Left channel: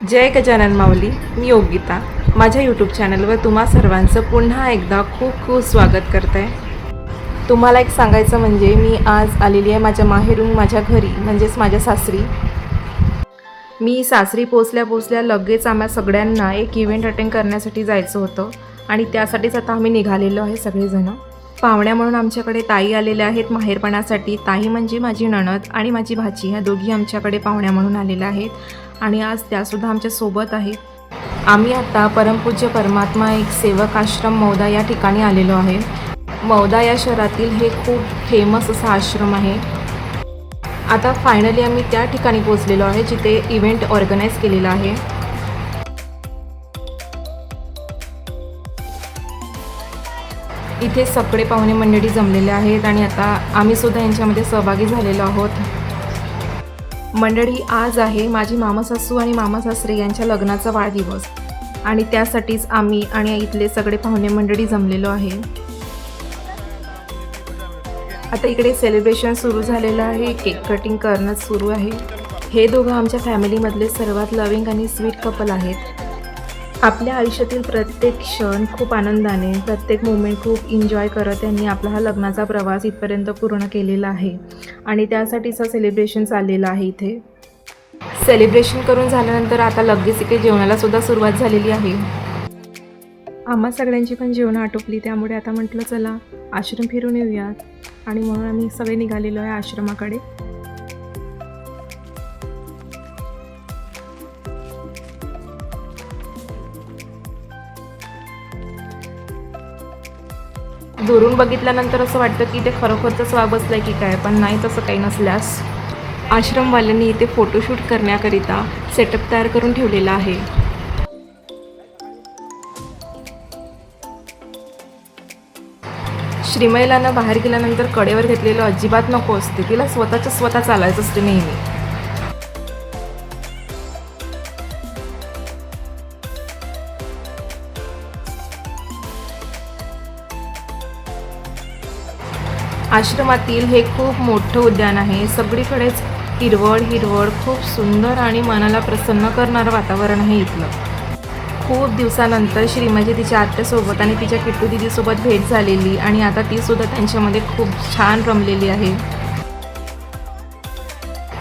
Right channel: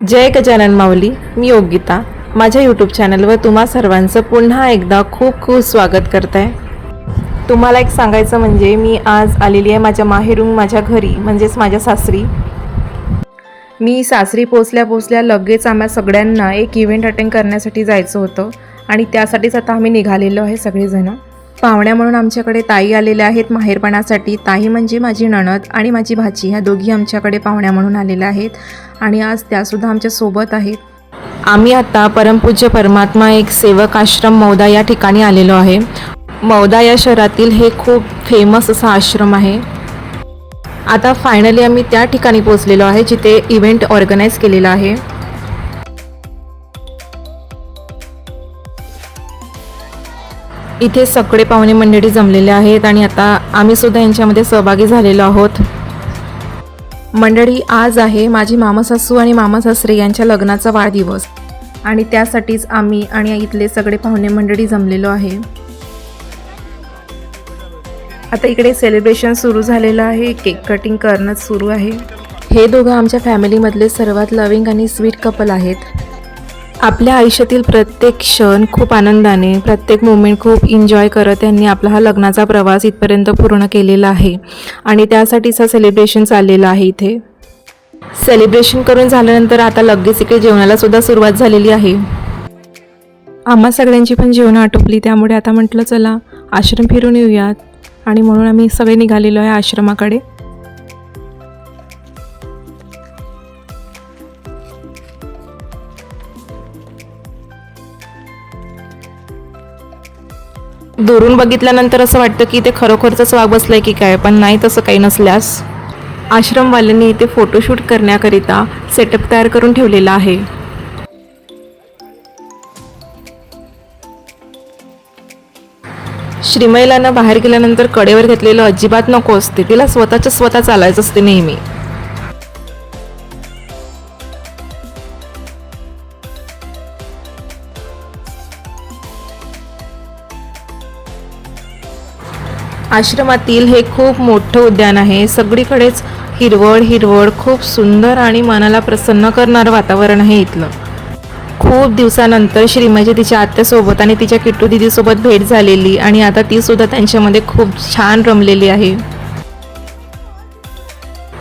जय गजानन माऊली. मी योगिता माझ्या यूट्यूब चॅनलवर तुम्हा सर्वांचं पुन्हा एकदा खूप खूप स्वागत करते आहे. तुम्हाला एक सांगायचं म्हणजे मी आज आलेली आहे माझ्या माहेरून माझ्या घरी म्हणजेच माझ्या सासरी. मी सासरी पोचल्या लगेच आम्हा सगळ्यांना एक इव्हेंट अटेंड करण्यासाठी जायचं होतं आणि त्यासाठीच आता आम्ही निघालेलो आहे सगळेजण. पाहुण्या म्हणून आमच्याकडे ताई आलेल्या आहेत माहेरपणासाठी. ताई म्हणजे माझी नणद आणि माझी भाची, ह्या दोघी आमच्याकडे पाहुण्या म्हणून आलेल्या आहेत आणि आज त्यासुद्धा आमच्यासोबत आहेत. आम्ही आता परमपूज्य परमात्मा एक सेवक आश्रम मौदा या ठिकाणी आलेलो आहे. मौदा या शहरातील हे खूप फेमस असा आश्रम आहे. आता फायनली आम्ही त्या ठिकाणी पोहोचलेलो आहे जिथे इव्हेंट ऑर्गनाईज केलेला आहे. इथे सगळे पाहुणे मंडळी जमलेले आहेत आणि आता आम्ही सुद्धा यांच्यामध्ये सहभागी झालेलो आहोत. मंडळी, आज आहे माझी मामासासू आणि मामासासरे यांच्या लग्नाचा वाढदिवस आणि त्यासाठीच आम्ही आणि इथले सगळे पाहुणे मंडळी जमलेलो आहे. आता इकडे सेलिब्रेशन सुरू झालेलं आहे, केक कटिंग करणं सुरू आहे. हे दोघं आमच्या फॅमिलीमधले सर्वात लविंग आणि स्वीट कपल आहेत. आपल्या आयुष्यातील प्रत्येक क्षण खूप आनंदाने, प्रत्येक मोमेंट खूप एन्जॉय करत त्यांनी आपला हा लग्नाचा प्रवास इथपर्यंत पूर्ण केलेला आहे आणि त्यासाठीच हा सेलिब्रेशन चाललेलं आहे. इथे सेलिब्रेशन करून झाल्यानंतर आता लगेच इकडे जेवणाला सुद्धा सुरुवात झालेली आहे. आम्हा सगळ्यांची पण जेवणं आटोपली, त्यामुळे आता म्हटलं चला आश्रम फिरून येऊयात आणि म्हणून आम्ही सगळे निघालेलो आहे आश्रमाकडे. दुरून बघितल्यानंतर असं वाटतं की इथे खरोखरच वाघ बसलाय की काय, पण नाही, तसं काही नसल्यास आश्रमवाल्यांनी इथे फोटोशूट करण्याकरिता सेटअप तयार करून ठेवलेला आहे. श्रीमैलानं बाहेर गेल्यानंतर कडेवर घेतलेलं अजिबात नको असते, तिला स्वतः चालायचं असते नेहमी. आश्रमातील हे खूप मोठं उद्यान आहे. सगळीकडेच हिरवळ खूप सुंदर आणि मनाला प्रसन्न करणारं वातावरण आहे इथलं. खूप दिवसानंतर श्रीमैची तिच्या आत्यासोबत आणि तिच्या किट्टू दिदीसोबत भेट झालेली आणि आता ती सुद्धा त्यांच्यामध्ये खूप छान रमलेली आहे.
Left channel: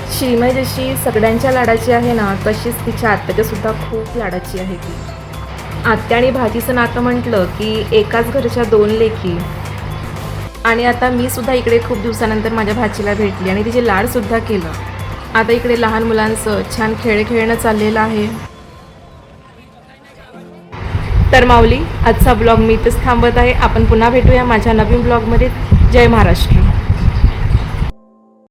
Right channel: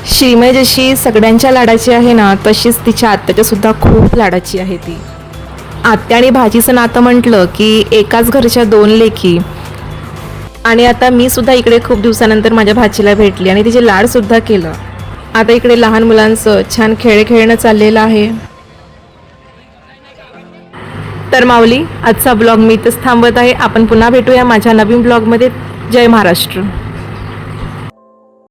श्रीमय जशी सगळ्यांच्या लाडाची आहे ना, तशीच तिच्या आत्याच्या सुद्धा खूप लाडाची आहे ती. आत्या आणि भाजीचं नातं म्हटलं की एकाच घरच्या दोन लेकी. आणि आता मी सुद्धा इकडे खूप दिवसानंतर माझ्या भाचीला भेटली आणि तिचे लाड सुद्धा केलं. आता इकडे लहान मुलांचं छान खेळणं चाललेलं आहे. तर माऊली, आजचा ब्लॉग मी इथंच थांबवत आहे. आपण पुन्हा भेटूया माझ्या नवीन ब्लॉगमध्ये. जय महाराष्ट्र.